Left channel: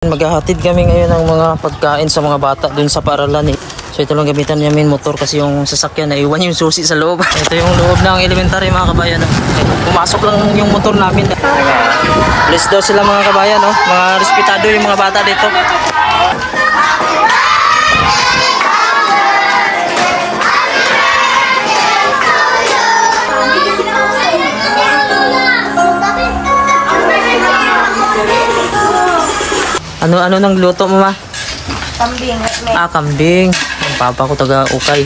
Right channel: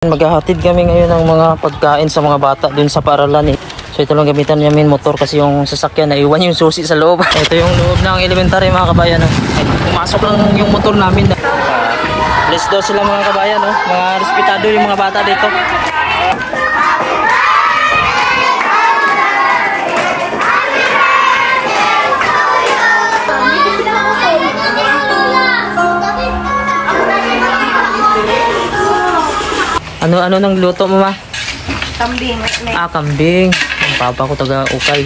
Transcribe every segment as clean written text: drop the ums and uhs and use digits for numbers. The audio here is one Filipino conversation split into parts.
Maghahatid kami ngayon ng mga pagkain sa mga bata dun sa paaralan eh. So ito lang gamitan namin motor kasi yung sasakyan naiwan yung susi sa loob. Ito yung loob ng elementary mga kabayan. Pumasok lang yung motor namin. Bless daw sila mga kabayan. Mga respetado yung mga bata dito. Ano nang luto mo ma? Kambing. Kambing. Ang papa ko taga ukay.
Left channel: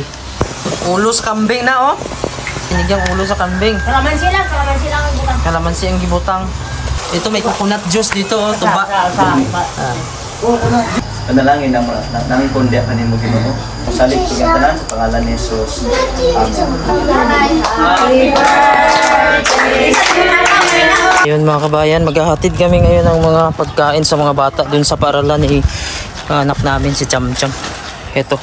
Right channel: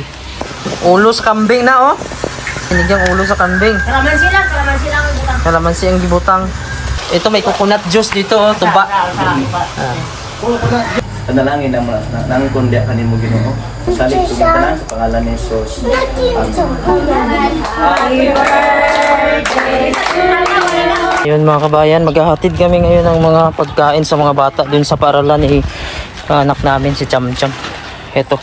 Ulo sa kambing na oh. Sinigang ulo sa kambing. Kalamansi lang ang butang. Kalamansi ang gibutang. Ito may coconut juice dito oh, tuba. Panalangin nang kundya kanin mo Ginoo. Salit tugang tanan sa pangalan ni Jesus. Amen. Yun mga kabayan, maghahatid kami ngayon ng mga pagkain sa mga bata dun sa paaralan ni anak namin si Cham Cham. Ito.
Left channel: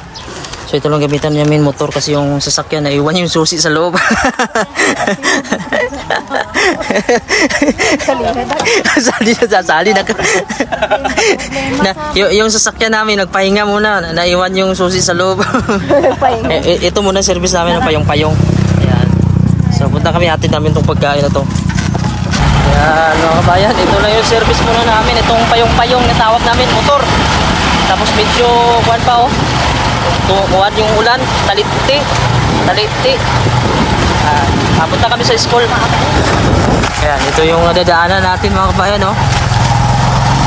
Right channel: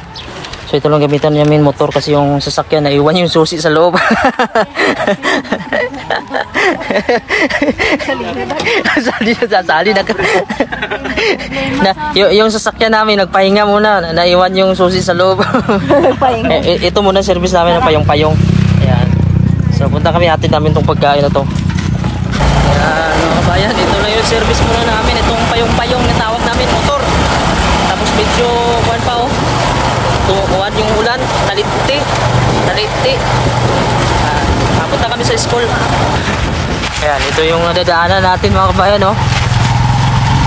So ito lang gamitan namin motor kasi yung sasakyan naiwan yung susi sa loob. Sasali na. Yung sasakyan namin nagpahinga muna, naiwan yung susi sa loob. Ito muna service namin ng payong-payong. Ayan. So punta kami, hatid namin tong pagkain na to. Ayan mga kabayan, ito lang yung service muna namin. Itong payong-payong na tawag namin, motor. Tapos medyo kuwan pa oh. Kuwan yung ulan, taliti. Punta kami sa school. Ayan, ito yung dadaanan natin mga kabayan oh.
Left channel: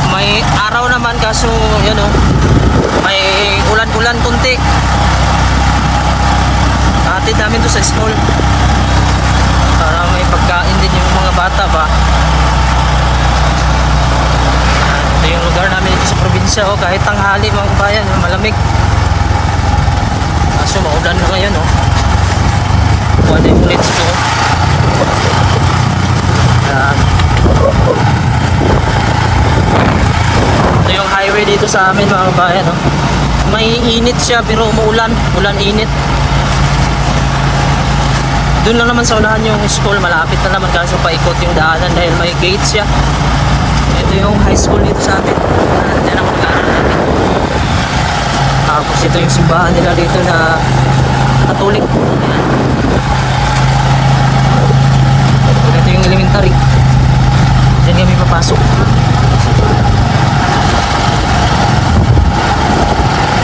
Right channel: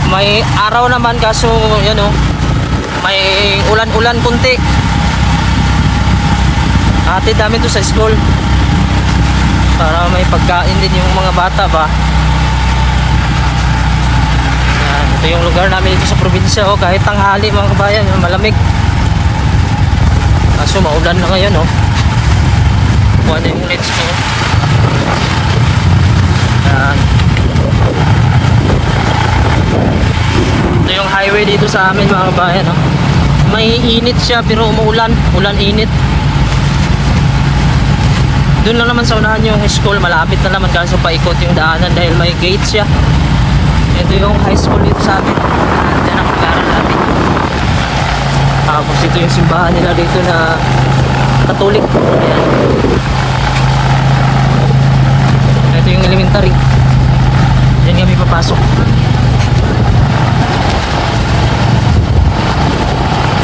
May araw naman kaso yan oh. May ulan-ulan kunti. Hatid namin to sa school para may pagkain din yung mga bata ba. Ayan, ito yung lugar namin dito sa probinsya oh. Kahit tanghali mga kabayan, malamig. Kaso maulan na ngayon oh. Kuha na yung ulit ko. Ayan. Ito yung highway dito sa amin mga kabayan oh. May init siya pero umuulan. Ulan-init. Doon lang naman sa unahan yung school, malapit na naman kaso paikot yung daanan dahil may gate siya. Ito yung high school dito sa amin. Diyan ako nag-aaral natin. Tapos ito yung simbahan nila dito na Katolik. Ayan. Ito yung elementary. Diyan kami papasok.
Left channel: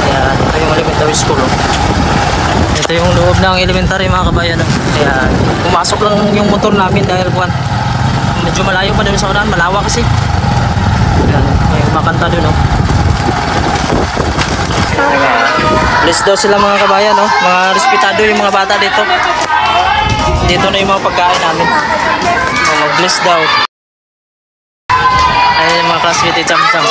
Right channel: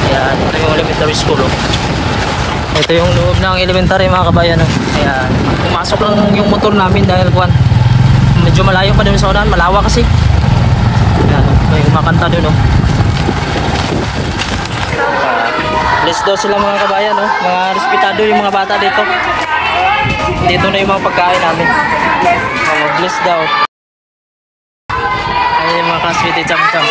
Ayan, ito yung elementary school oh. Ito yung loob ng elementary mga kabayan oh. Ayan, pumasok lang yung motor namin dahil kuwan medyo malayo pa dun sa unahan, malawa kasi. Ayan, may kumakanta dun oh. Bless daw sila mga kabayan oh. Mga respetado yung mga bata dito. Dito na yung mga pagkain namin oh, mag-bless daw. Ayan yung mga classmate ni Cham Cham.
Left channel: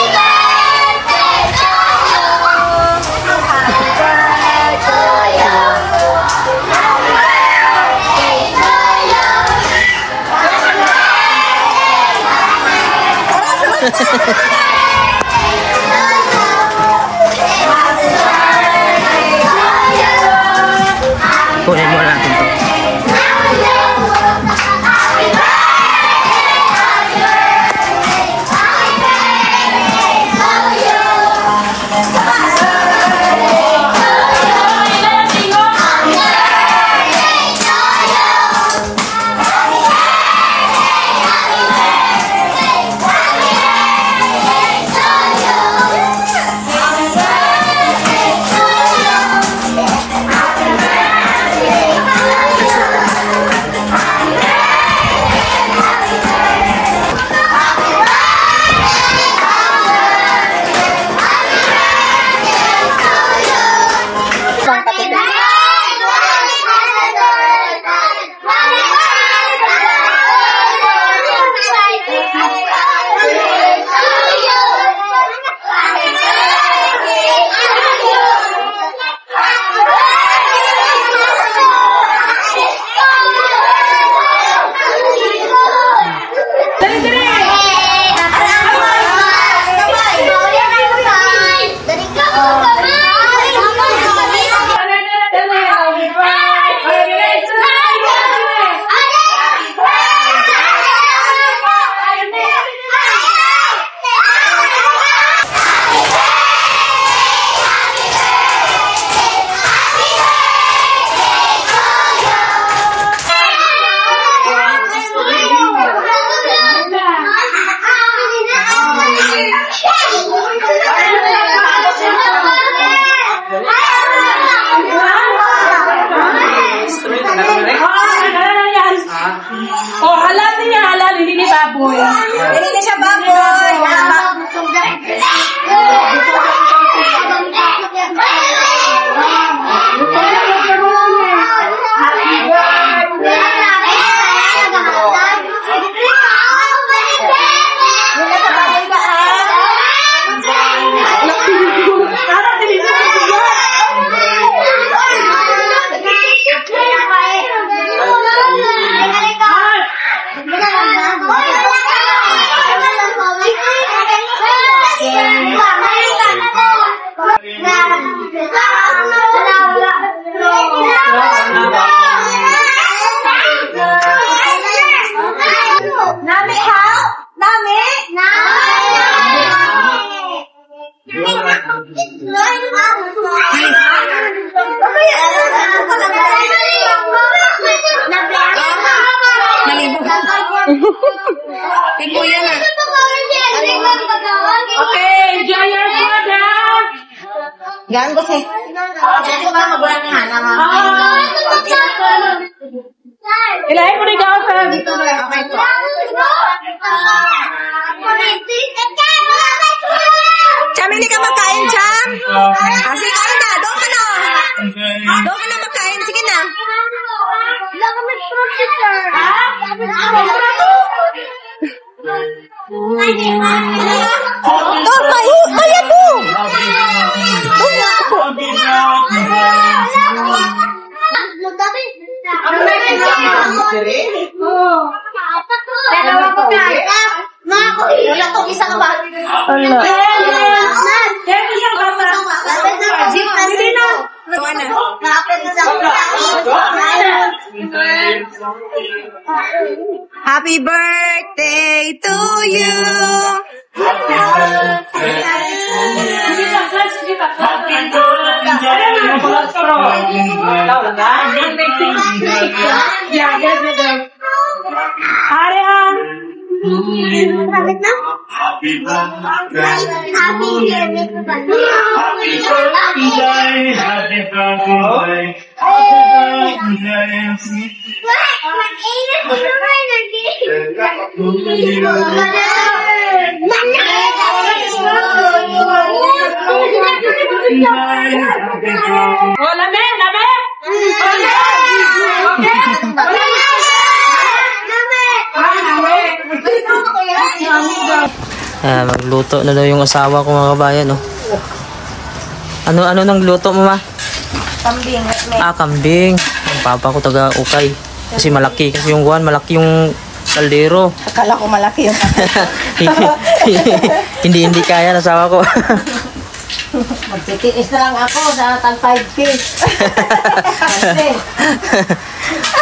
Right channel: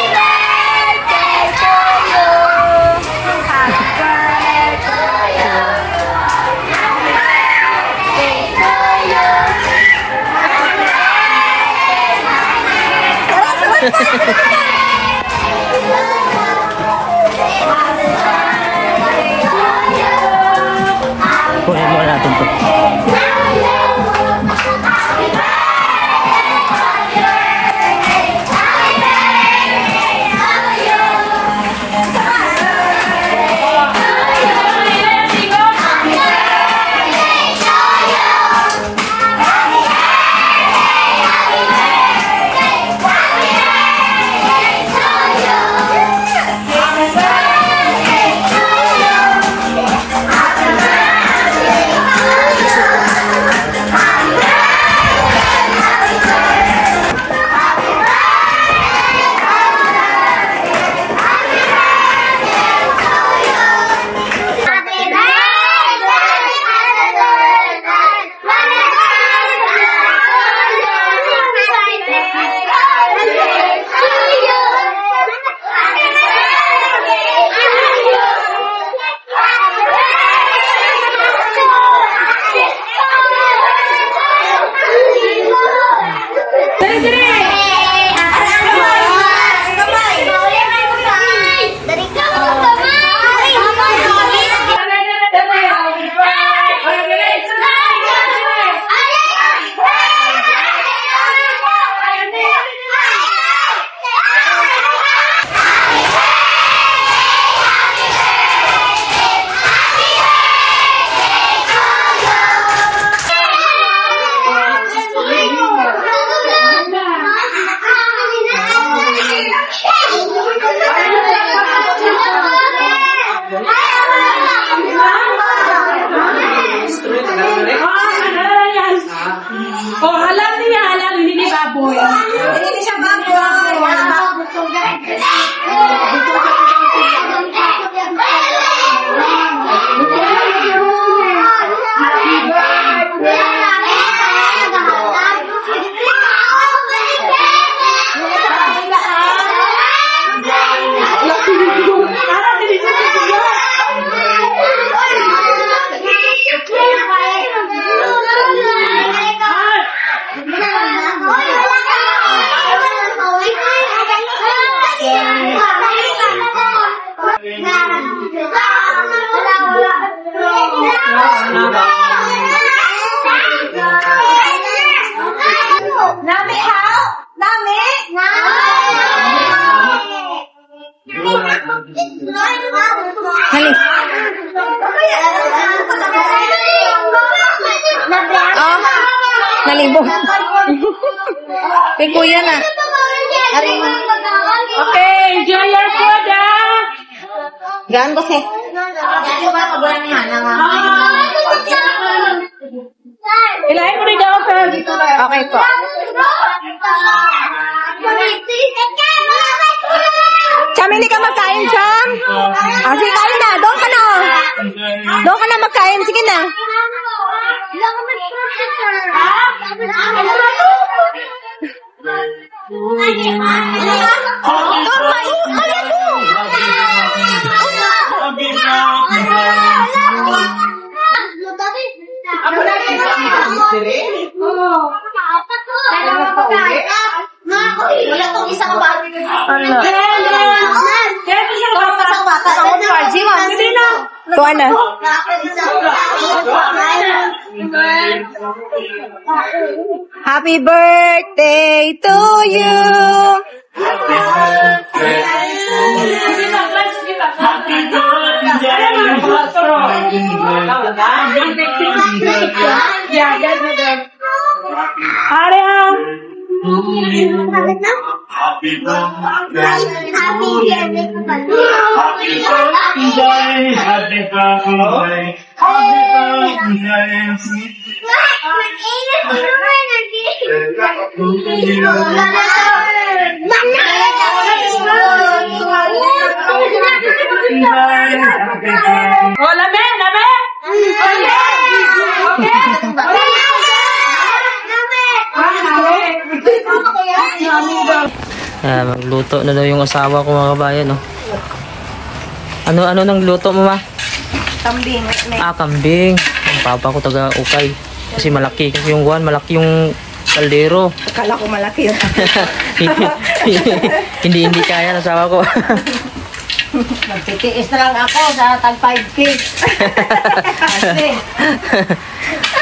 Kunin mo natin to. Nami how? Nami? Malibog. Kay kuya na. Okay, enjoy your food, ah. Gaan ko si. Ilahin mo rin ako. Okay po. Cham, hindi ka magkain, Cham? Ah, sige, kain na. Doon ka na. Doon ka na magkain. Sige na. Kaya po. Ala. Kuha na. Happy birthday to you. Oh, lame. Magluto na daw yung asawa ko mga kabayan, no? Ano nang luto mo, ma? Kambing. Kambing. Ang papa ko taga Ukay. Kasi malaki. Kasi yung guwan, malaki yung kaldero. Akala ko malaki yung hindi kaya ng asawa ko. Magtitiis na lang ako sa tag 5 feet.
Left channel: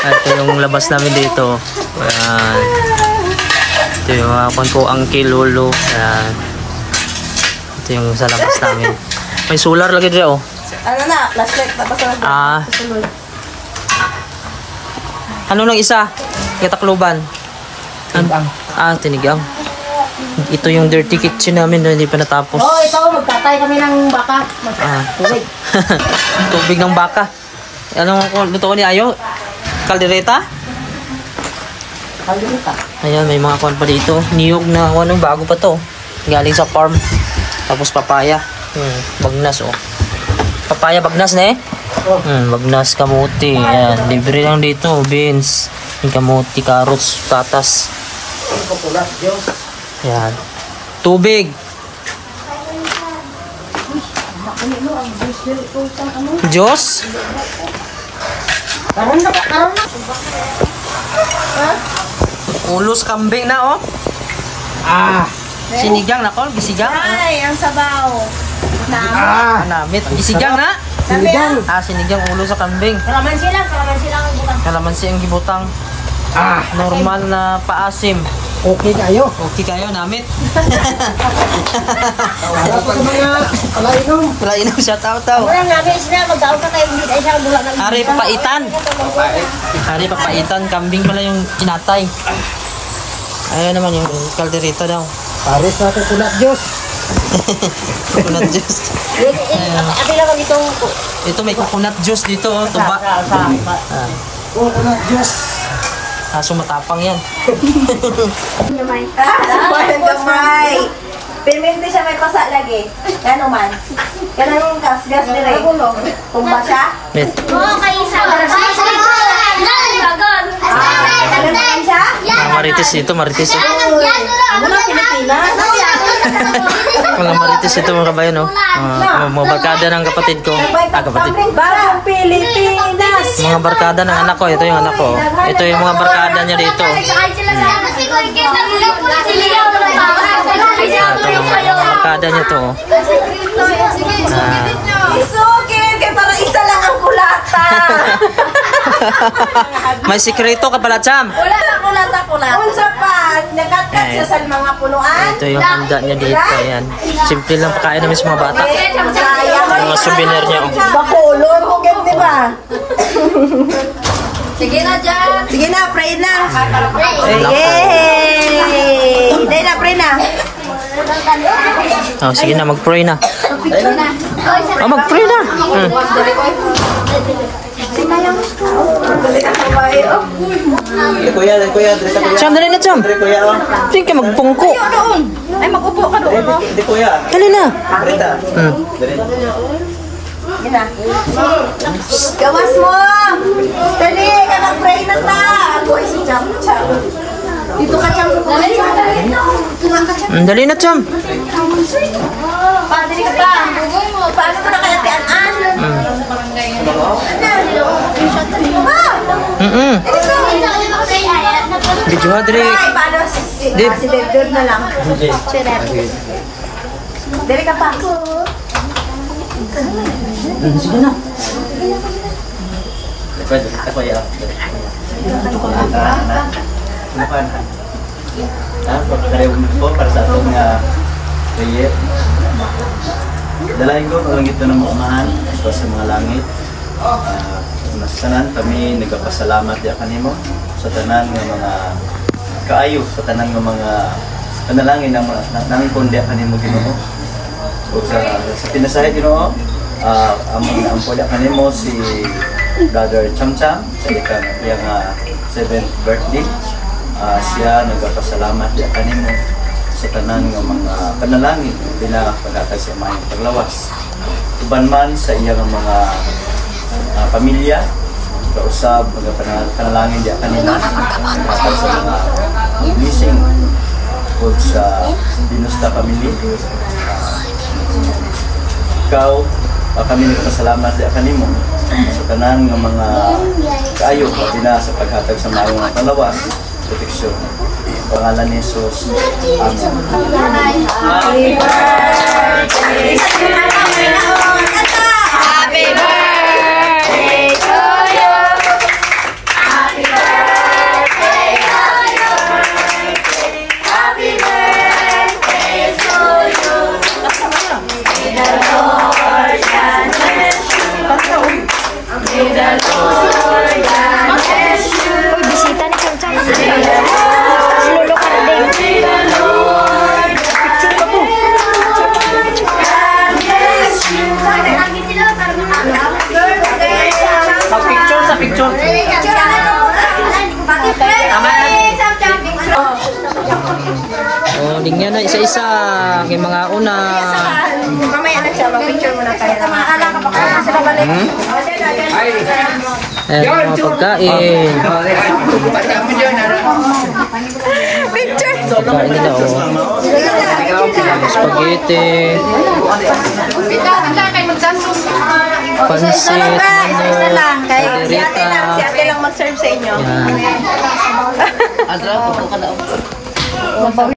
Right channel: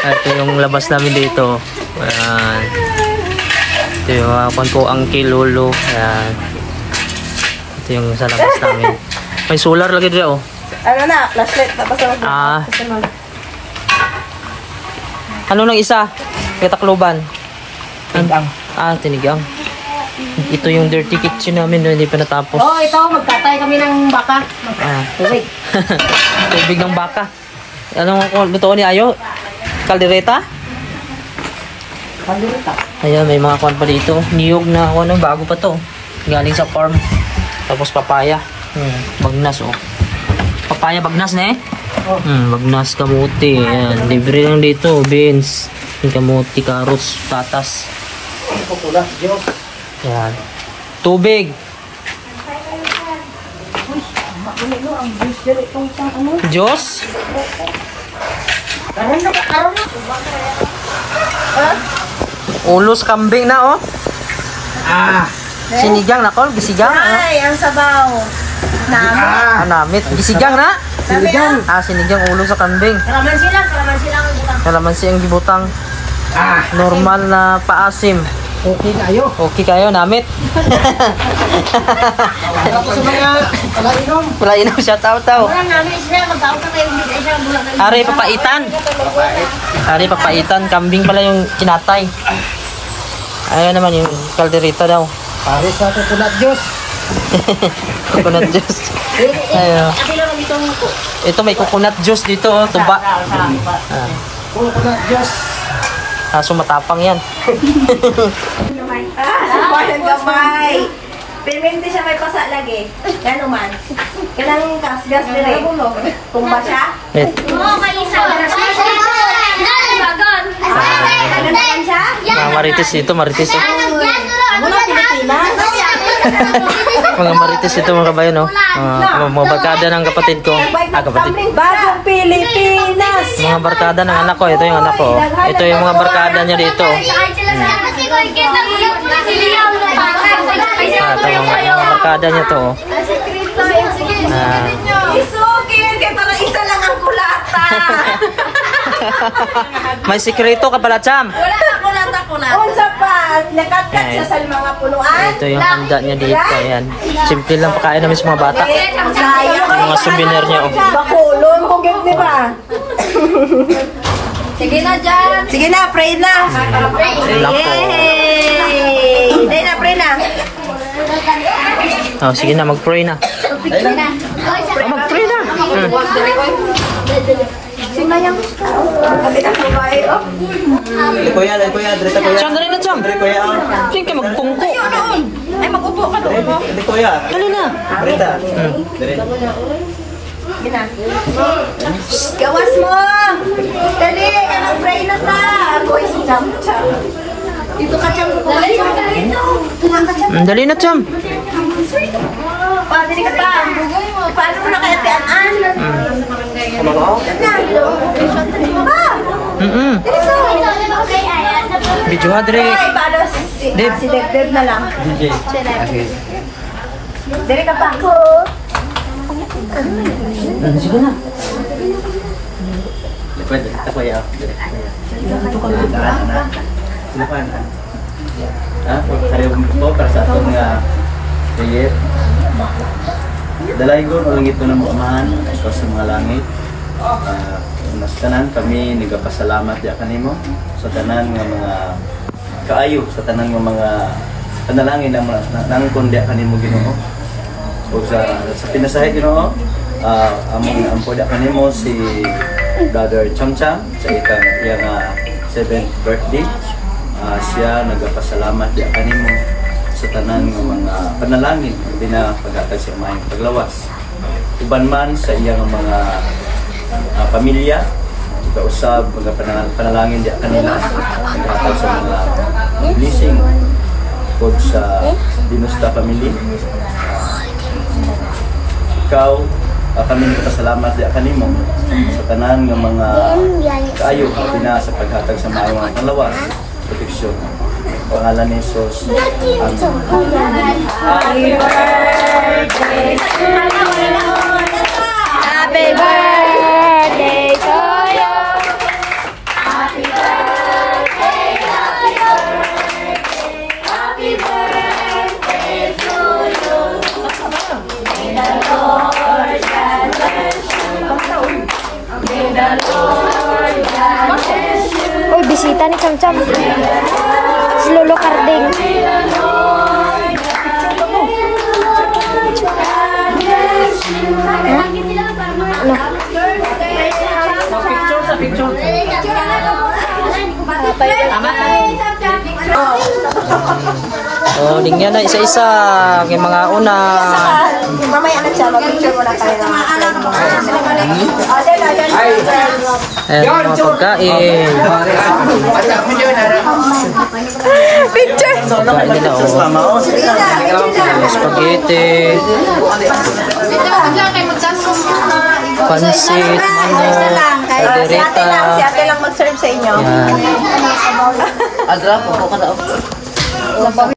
Ito yung labas namin dito. Ayan. Ito yung mga ko, Uncle Lolo. Ayan. Ito yung sa labas namin. May solar lagi dito, oh. Ano na? Flashlight. Ano nang isa? Katakloban. Tinigang. Tinigang. Ito yung dirty kitchen namin, no? Hindi pa natapos. Oh, ito, magtatay kami ng baka. Tubig. Tubig ng baka. Anong luto ni Ayo? Kaldereta? Ayan, may mga kuwan pa dito. Niyog na ano, bago pa to. Galing sa farm. Tapos papaya. Bagnas, oh. Papaya, bagnas na eh. Bagnas, kamuti. Ayan, libre lang dito. Beans, kamuti, carrots, tatas. Ayan. Tubig. Diyos? Ulo sa kambing na, oh. Sinigang na, Kol. Bisigang. Ay, ang sabaw. Namit. Bisigang na? Sinigang. Sinigang ulo sa kambing. Kalamansi lang ang butang. Kalamansi ang gibutang. Normal na paasim. Okay kayo. Okay kayo, namit. Wala inom siya tao-tao. Walang namin sila, mag-out na kayo. Hindi ay siyang buhat ng... Ari, papaitan. Ari, papaitan. Kambing pala yung kinatay. Ayun naman yung kalderita daw. Pare sa coconut juice. Coconut juice. Ayun. Ate lang itong... Ito may coconut juice dito, oh, tuba. Coconut juice. Kaso matapang yan. Gamay. Permente siya may pasa lagi. Yan man. Kanang kasgas dire. Tumba siya. Wait. Oo, kayo isa. Bagon. Mga marites dito, marites. Oh. Mga marites ito mga kabayan, no? Mga barkada ng kapatid ko. Kapatid. Barang Pilipinas. Mga barkada ng anak ko. Ito yung anak ko. Ito yung mga barkada niya dito. Ito mga barkada niya to. Isugin, kaya parang isa lang ang kulata. May sikreto ka pala, Cham. Wala na kulata. Unsa pa, nakatat siya sa mga punuan. Ito yung handa niya dito. Ayan. Simple lang pakain namin sa mga bata. Sayang. Mga souvenir niya. Oh. Bakulong, hugit, di ba? Sige na dyan. Sige na, pray na. Ay, nako. Yay! Hindi na, pray na. Oh, sige na, mag-pray na. Oh, mag-pray na. Si Mayang. Kuya, dito kuya. Cham, dali na, Cham. Dito kuya. Tingin ka magpungko. Ay, mag-upo ka doon. Dito kuya. Dali na. Dito. Gina. Gawas mo! Dali! Ka mag-pray na ta! Ako si Cham. Dito ka, Cham. Dali na, Cham. Paano ka pa? Paano ito na kaya tian-an? Video ha, Dre. Ay, paano si Deb na lang. Dali ka pa. Sige na. Pwede, dito kuya. Lupan. Pagkariw po para sa atong prayer. Dalayan ko ang ito ng mukhaan ito sa mga langit. Sa tanan kami nagapasalamat ya kanimo sa tanan nga mga kaayo sa tanan nga mga panalangin na nangkon dia kanimo Ginoo. O sa pinasahe Ginoo, among naampo dia kanimo si Brother Chamcham sa iyang 7th birthday. Siya nagapasalamat ya kanimo sa tanan ng mga panalangin din na paghatag sa iyang paglawas. Uban man sa iyang mga pamilya, kausap, mga panalangin di kanila paghatag sa mga blessing o sa Dinusta family. Ikaw, kami nagpasalamat di kanimo sa tanan ng mga kaayo din na sa paghatag sa mayong paglawas, proteksyon. Pangalan ni Jesus. Amen. Happy birthday to you. Happy birthday to you. Happy birthday, happy birthday to you. May the Lord God bless you. May the Lord God bless you. Uy, bisita ni Cham-Cham. Si Lolo Carding. Oh, dingyan na isa-isa kay mga una. Mamaya na siya, mag-picture muna tayo. Sila balik. Ayan, mga pagkain. Picture! Pagkain nila, oh. Spaghetti, pansit, manok, kaldereta. Si ate lang mag-serve sa inyo. Yan.